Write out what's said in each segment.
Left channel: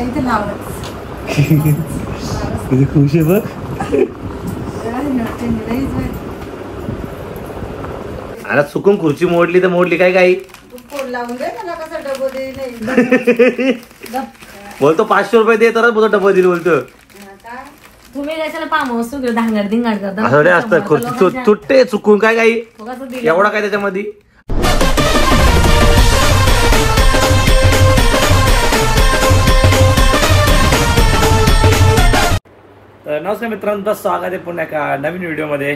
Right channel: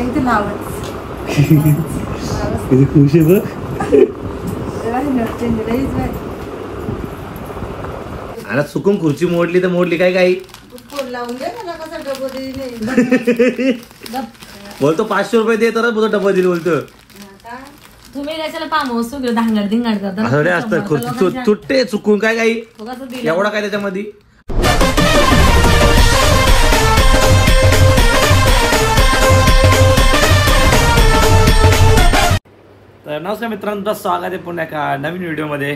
इथे नावच किती खुश आहे बघ. आता चुकून खुर्ची मोडली तर मोडली काय काही लावून दे मला कसा डबो दे. बोलतो 500 रुपये दे तरच बोलतो डबा दिली बोलतो. तुम्ही कशाला पामोस धांगड धिंगाड करता असं असतं खुर्ची तुटते चुकून काय काही एवढा काय त्याच्यामध्ये. तर नमस्कार मित्रांनो, तुमचं स्वागत आहे पुन्हा एका नवीन व्हिडिओमध्ये.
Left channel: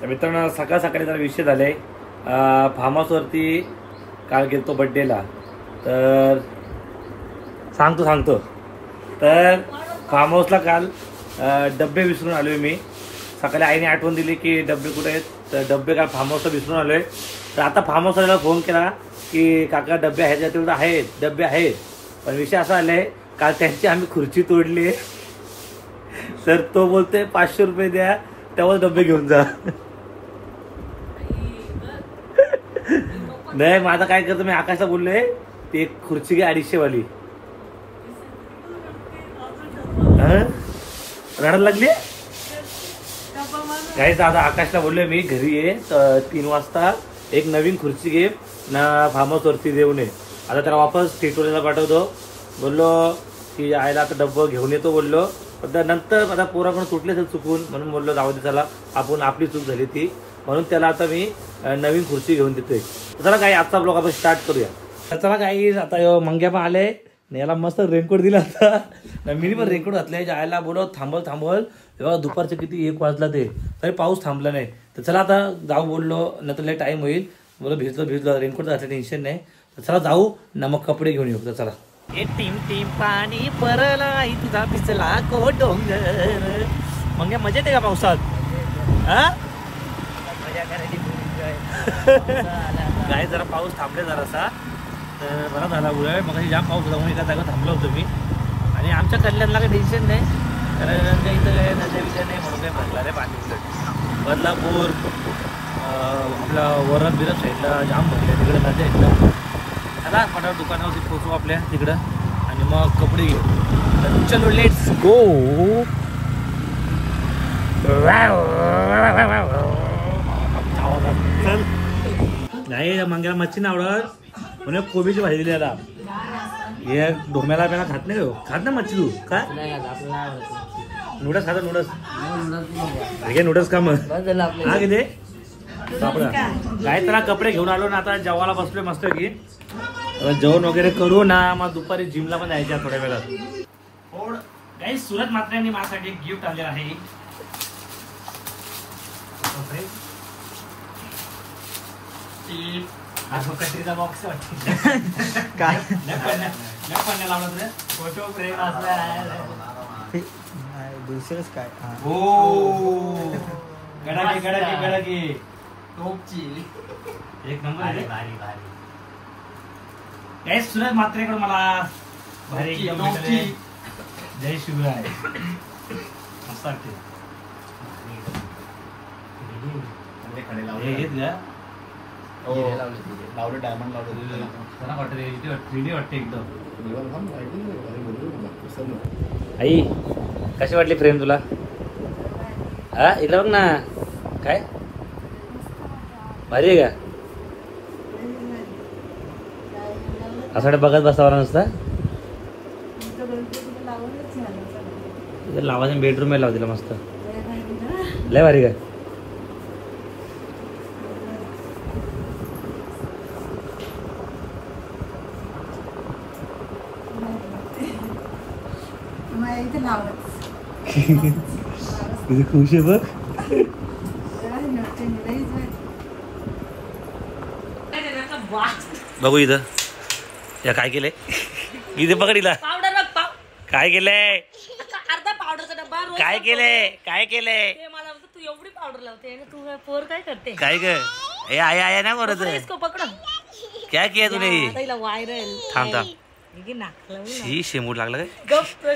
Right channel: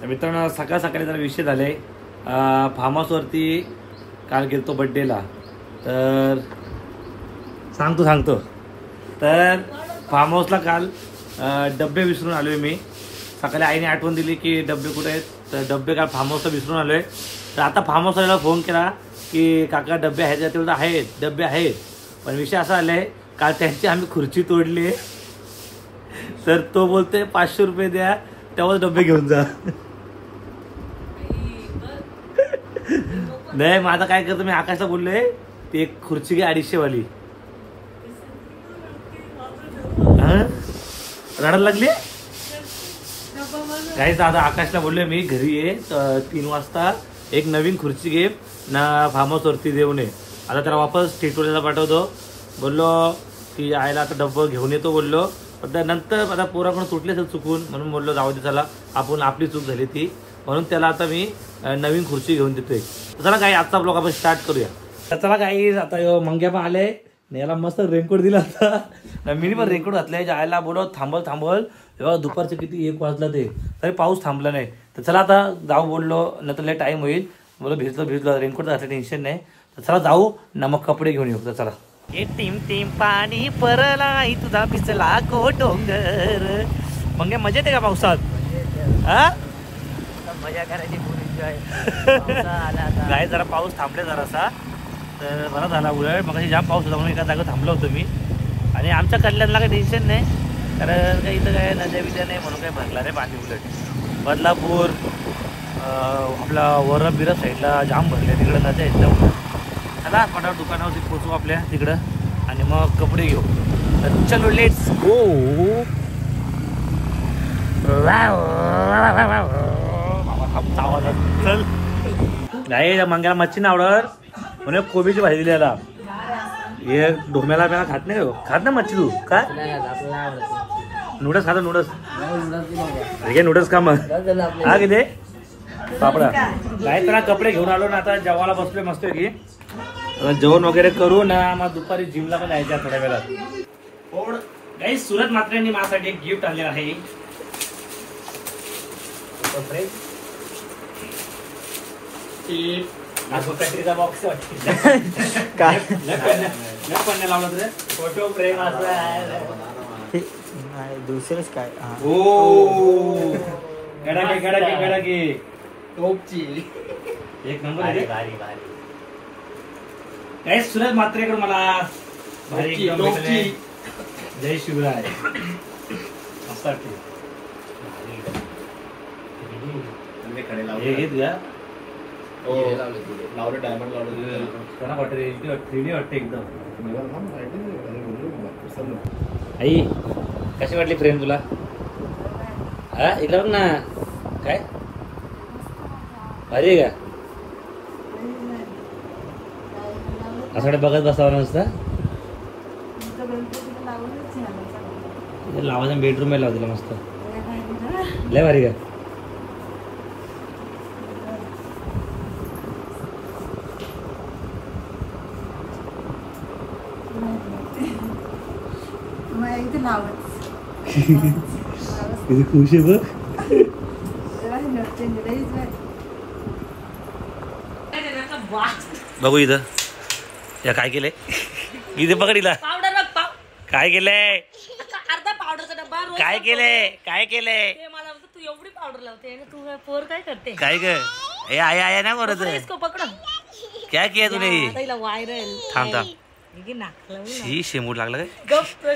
तर मित्रांनो, सकाळ सकाळी जरा विषय झाले. फार्म हाऊसवरती काल गेलतो बड्डेला. तर सांगतो तर फार्म हाऊसला काल डब्बे विसरून आलोय मी. सकाळी आईने आठवण दिली की डब्बे कुठे आहेत, तर डब्बे काल फार्म हाऊसला विसरून आलोय. तर आता फार्म हाऊसला फोन केला की काका डब्बे आहेत का, तेवढं आहेत डब्बे आहेत. पण विषय असा आलाय, काल त्यांची आम्ही खुर्ची तोडली. तर तो बोलते 500 रुपये द्या तेव्हाच डब्बे घेऊन जा. नाही मग आता काय करतो मी, आकाशला बोललोय ते एक खुर्ची घे 250 वाली. रडायला लागली काही. आता आकाशला बोललोय मी घरी ये 3 वाजता एक नवीन खुर्ची घे ना, फार्म हाऊस वरती देऊ नये. आता त्याला वापस टिटोळीला पाठवतो. बोललो की आईला आता डब्बा घेऊन येतो बोललो. पण नंतर आता पोराकडून तुटले असेल चुकून, म्हणून बोललो जाऊ दे चला, आपण आपली चूक झाली ती, म्हणून त्याला आता मी नवीन खुर्ची घेऊन देतोय. चला काही आजचा ब्लॉग आपण स्टार्ट करूया. तर चला काही आता मंग्या पण आले, याला मस्त रेनकोट दिला होता. मी पण रेनकोट घातलाय. जायला बोलव थांबल तेव्हा दुपारचे किती 1 वाजला ते, तरी पाऊस थांबला नाही. तर चला आता जाऊ बोललो, नंतर लय टाईम होईल. बोलो भिजलो रेनकोट घातलं टेन्शन नाही. तर चला जाऊ ना, मग कपडे घेऊन येऊ. तर चला. हे टीम पाणी परला तुझा पिचला को डोंगर. मग मजा येते का पावसात? मजा करायची काय. जरा पाऊस थांबले जरासा, तर बरा झाला उलट. मग जाम पाऊस होता म्हणून एका जागा थांबलो होतो मी. आणि आमच्या कल्याणला काही टेन्शन नाही, कारण काही इथं काय नद्या बिद्या नाही म्हणून काय भरला रे पाणी. उलट बदलापूर आपला वरद बिरद साईडला जाम भरले, तिकडे नद्या एकदम. चला पटापट दुकानावरती पोचू आपल्या तिकडं आणि मग कपडे घेऊ. तर चलो लेट्स गो. चल नाही मंग्याला मच्छी नाही आवडत म्हणे, कोबीची भाजी दिली याला. हे ढोम्याला प्याला खात नाही हो. खात ना मच्छी तू काय? नूडल्स खाता? नूडल्स खा मग. हा किती पापडा काय. तर कपडे घेऊन आलो ना, आता जेवायला बसलोय मस्त की. जेवण वगैरे करू ना, मग दुपारी जिमला पण जायच्या थोड्या वेळात. काही सुरत मात्रेंनी माझ्यासाठी एक गिफ्ट आणलेलं आहे. कटरीचा बॉक्स काय लावला तुझ्या फोटो फ्रेम दुसरंच काय. हो गडाके टोपची एक नंबर आहे. भारी काय सुरज मात्रेकडून मला भारी जय शिवराय मस्त वाटते. डायमंड वाटते एकदम. आई कशी वाटली फ्रेम तुला? हा इकडे बघ ना, काय भारी आहे का? असं बघत बसावं नसतं. लावायचं बेडरूम लाव दिला मस्त. लय भारी का? इथे नावच किती खुश आहे बघ. बघू इथं या काय केलंय. इथे पकडीला काय केलंय, अर्धा पावडरचा डब्बा. काय केलंय मला तू एवढी पावडर लावते, तू पोर काय करते काय ग? हे आया ना करत पकड. क्या किया तूने? व्हायरल थांब ही शेमूड लागला काय?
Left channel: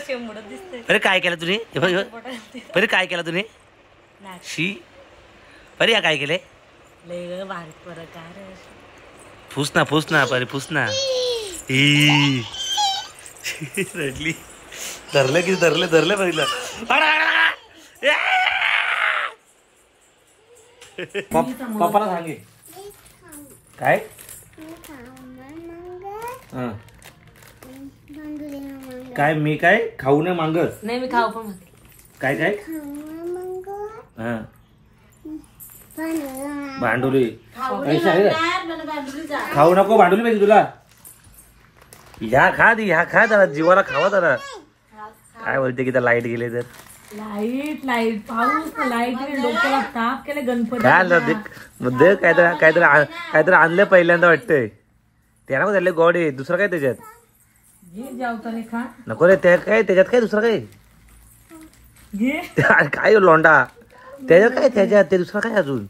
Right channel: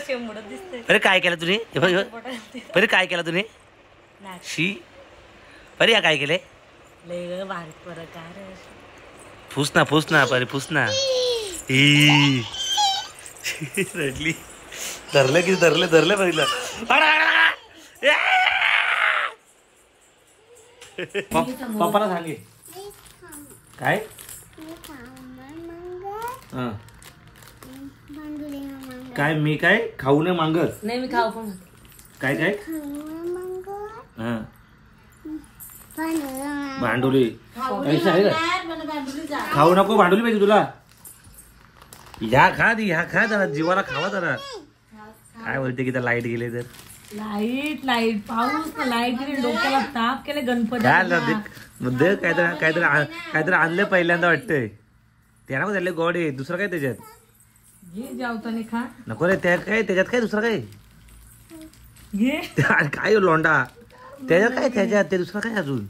शेंबूड दिसते. अरे काय केलं तुम्ही? अरे काय केलं तुम्ही? शी अरे या काय केले? लय भारी प्रकार. फुस ना परे फुस ना. रडली धरलं की धरलं बघितलं. पप्पाला सांगे काय हा. काय मी काय खाऊ नाही मागत नाही मी खाऊ पण काय काय हा भांडुली पैसे आहे का? खाऊ नको भांडुली पाहिजे तुला. ह्या खा जरा जीवाला खावा जरा. काय बोलते की त्या लाईट गेले तर लाईट पाऊस लाईट डोक्याला ताप केले गणपती मुद्दे काहीतरी आणलं पहिल्यांदा वाटतंय. त्याला पण झाले गोड आहे दुसरं काय त्याच्यात घे जावताने खा नको रे. त्याच्यात काय दुसरं काय घे काय लोंडा त्याच्यात ते दुसरं काय अजून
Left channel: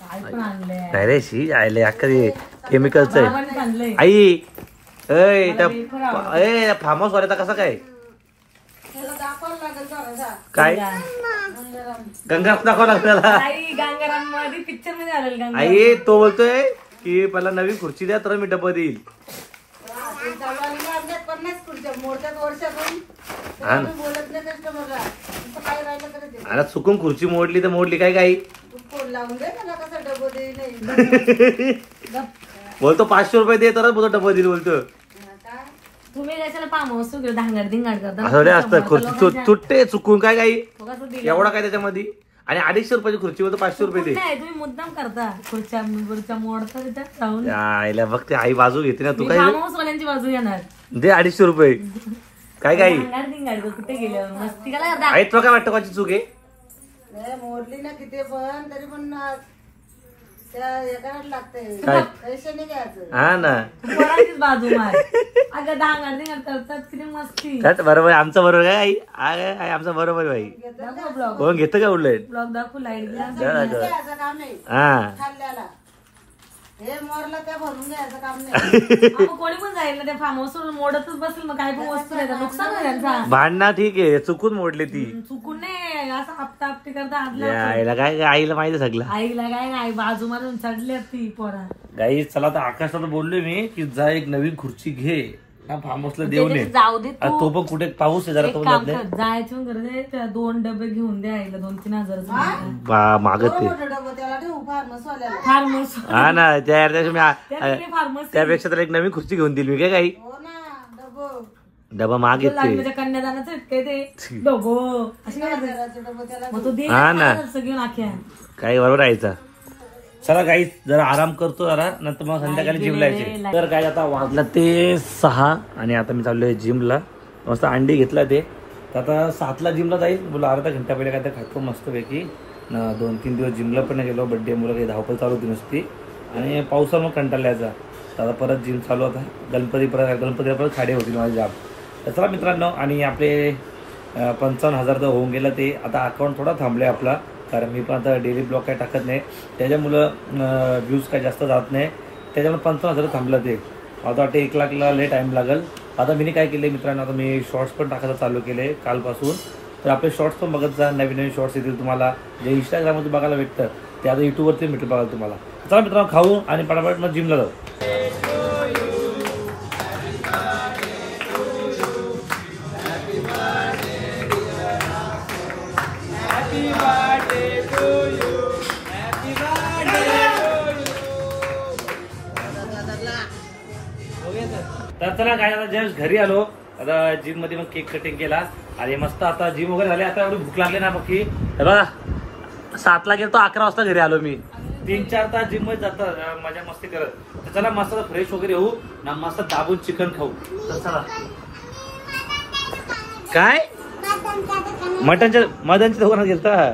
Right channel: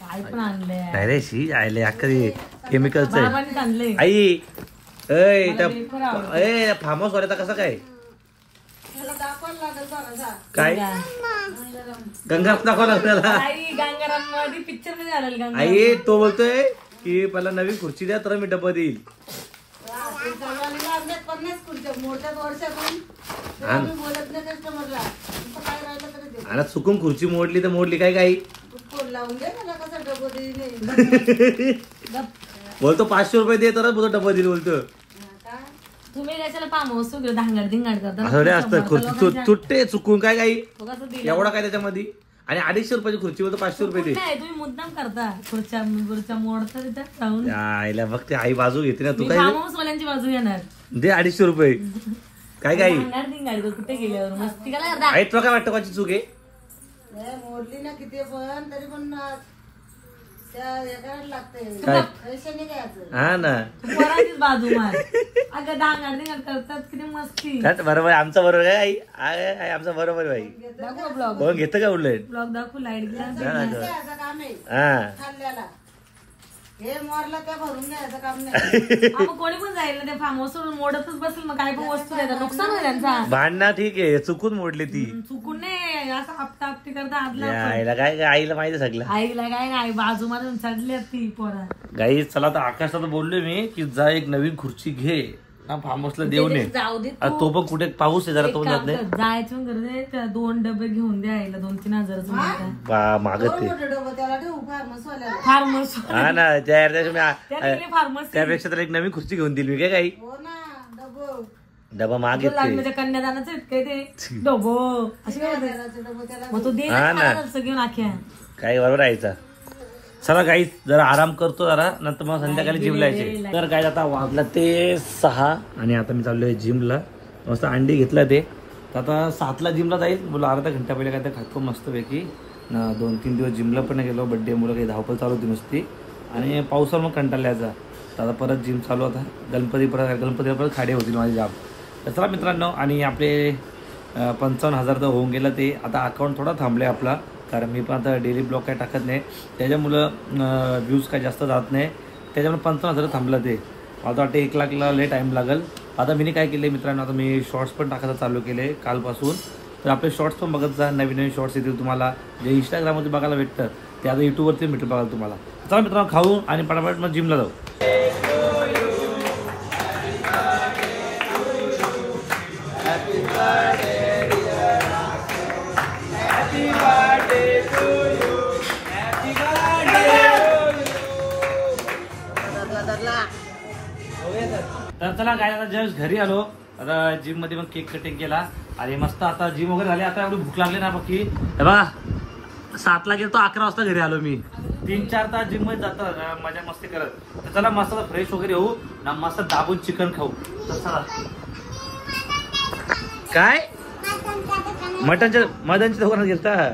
काय पण आणलंय काय रे शी आयले अख्खा केमिकलच आहे. बाबांनीच आणलंय आई फार्म हाऊस वाल्याचा कसा काय त्याला दाखवायला लागेल जरा. काय गंगाराम दाखवा लागला. आई गंगाराम मध्ये पिक्चर मध्ये आलेलं गंगाराम. आई तो बोलतोय की पहिला नवीन खुर्ची द्या तर मी डब्बा देईल. ते चालवायला लागल्यात 50 खुर्च्या मोडत्यात वर्षातून. हा ना. तुम्ही बोलत नाही कस्टमरला. तुमचं काय राहिलं तरी दे. आता चुकून खुर्ची मोडली तर मोडली काय काही तू फोन लावून दे मला कसं डबं देईल. बोलतो 500 रुपये दे तरच बोलतो डब्बा देईल बोलतो. तुम्ही कशाला फार्म हाऊस धांगड धिंगाड करता असं असतं खुर्ची तुटते चुकून काय काही कसं दिलं एवढा काय त्याच्यामध्ये. आणि 250 रुपयाची खुर्ची बोलतो 500 रुपये दे. नाही तुम्ही मुद्दाम करता खुर्च्या मोडता तिथं राहून आईला बघते आई बाजू घेते ना तू काय फार्म हाऊस वाल्यांची बाजू घेणार दे 250 रुपये काय काही धांगड धिंगाड कर, कुठे गेल्यावर मस्ती काय करता आई तुला काय वाटतं कोणाची चूक आहे. नाही मोडली ना किती पण तरी पण त्या एकाच लागते काय? पैसे नाही घ्यायचं. हा ना पोरांचीच बाजू मार अगं धांगड धिंगाड करतात किती मस्ती कट बरोबर आहे. आमचं बरोबर आहे आई आमचं बरोबर आहे बाई. दाखव ब्लॉग कोण घेतं का उलट ब्लॉग दाखव लाईट गेला घ्यायचं काम नाही हा खाल्ल्याला. हे मोरला त्या भरून घ्यायचं काम नाही. आपण कोणी पण जाईल ना त्या फार्म हाऊस सोडून मोडतच बसेल मग काही पण वस्तू देतात नुकसान आहे त्यांचा भांडणं ठीक आहे चुकून मोडली ती. चुकून नाही असं आपटा आपटी करता आदला आईला काय आईला माहिती सगळं. आईला काय काय बाजू मारून चढली ती पोरा गाई चला तर आकाशाला बोललोय मी की जा एक नवीन खुर्ची घे ना फार्म हाऊसला देऊ नये. जाऊ दे आता तो पण कुठे पाऊस आहे जरा तो जात नाही जायचं गरज आहे त्या 2 डबे घेऊन द्या आईला 2-3 हजाराचं मागत ते मोठं डबं त्याला ठेवू फार्मसवाल्याला. फार्मस हा ना त्या फार्मस त्यापेक्षा तर एक नवीन खुर्ची घेऊन दिली मी काय काही हो ना डबं. डबा मागे लग्नाच्या कन्यादानाचं इतकं ते डबो अशी काय म्हणते? घराचं डबं त्याला मग तो दे हा ना. ना घेऊन आख्या काही बरोबर यायचा. चला काही जरा आराम करतो जरा नंतर मग संध्याकाळी जिमला यायचे. तर काय आता वाजलं ते 6 आणि आता मी चाललोय जिमला. मस्त अंडी घेतला ते तर आता 7ला जिमला जाईल. बोला अर्धा घंटा पहिले काय तर खातो मस्तपैकी. 2-3 दिवस जिमला पण गेलो. बड्डे मुलं काही धावपळ चालू होती नुसती आणि पावसाला मग कंटाळल्याचा. तर आता परत जिम चालू होता. गणपतीला परत खाडे होतील माझे जाम. तर चला मित्रांनो आणि आपले 55,000 तर होऊन गेलं ते. आता अकाउंट थोडा थांबले आपला कारण मी पण आता डेली ब्लॉग काय टाकत नाही त्याच्यामुळं व्ह्यूज काय जास्त जात नाही त्याच्यामुळे 55,000 थांबलं ते. आता वाटते 1 लाखला लय टाईम लागेल. आता मी काय केले मित्रांनो आता मी शॉर्ट्स पण टाकायला चालू केले कालपासून. तर आपले शॉर्ट्स पण बघत जा. नवीन शॉर्ट्स येतील तुम्हाला जे इंस्टाग्राममध्ये बघायला भेटतं ते आता यूट्यूबवरती भेटेल बघायला तुम्हाला. चला मित्रांनो खाऊ आणि पटापट मग जिमला जाऊ. तर चला काय आता जस्ट घरी आलो. आता जिम मध्ये मग केक कटिंग केला आणि मस्त आता जिम वगैरे झाली. आता एवढी भूक लागली ना बाकी बघा 7ला गेलो तो 11 वाजता घरी आलो मी. 3-4 तास जिम मध्ये जातात मजा मस्ती करत. तर चला मस्त फ्रेश वगैरे होऊ ना मस्त दाबून चिकन खाऊ. तर चला काय मटनच्या दुकानात गेलता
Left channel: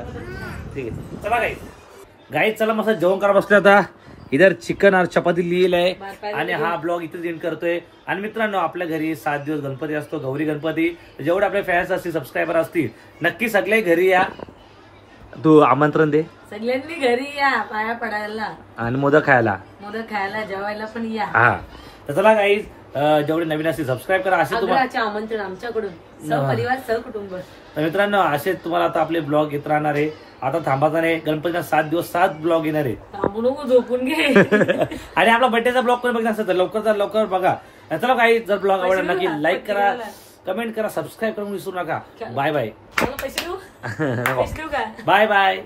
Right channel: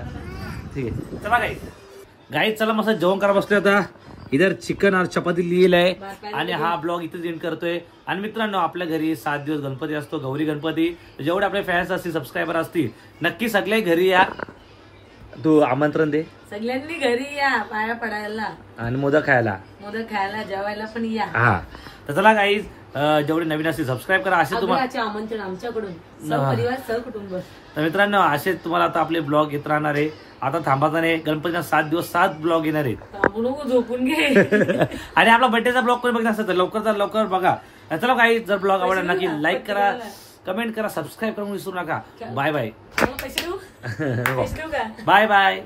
ठीक आहे. चला गाईच चला मस्त जेवण करा बसलो. आता इधर चिकन और चपाती लिहिल आहे आणि हा ब्लॉग इथेच एंड करतोय. आणि मित्रांनो आपल्या घरी 7 दिवस गणपती असतो गौरी गणपती. जेवढे आपले फॅन्स असतील सबस्क्रायबर असतील नक्की सगळे घरी या. तू आमंत्रण दे सगळ्यांनी घरी या पाया पडायला आणि मोदक खायला जेवायला पण या. हा तर चला गाईज जेवढे नवीन असतील सबस्क्राईब करा. असे तुम्हाला आमंत्रण आमच्याकडून सहपरिवार सहकुटुंब. तर मित्रांनो असे तुम्हाला आता आपले ब्लॉग येत राहणार आहे. आता थांबायचा नाही गणपतीला 7 दिवस 7 ब्लॉग येणार आहेत. झोपून घे आणि आपला बर्थडेचा ब्लॉग कोणी बघितला असेल तर लवकर बघा. चला काही जर ब्लॉग आवडला नक्की लाईक करा कमेंट करा, सबस्क्राईब करून विसरू नका. Bye bye. मला पैसे देऊ? पैसे देऊ का? Bye bye.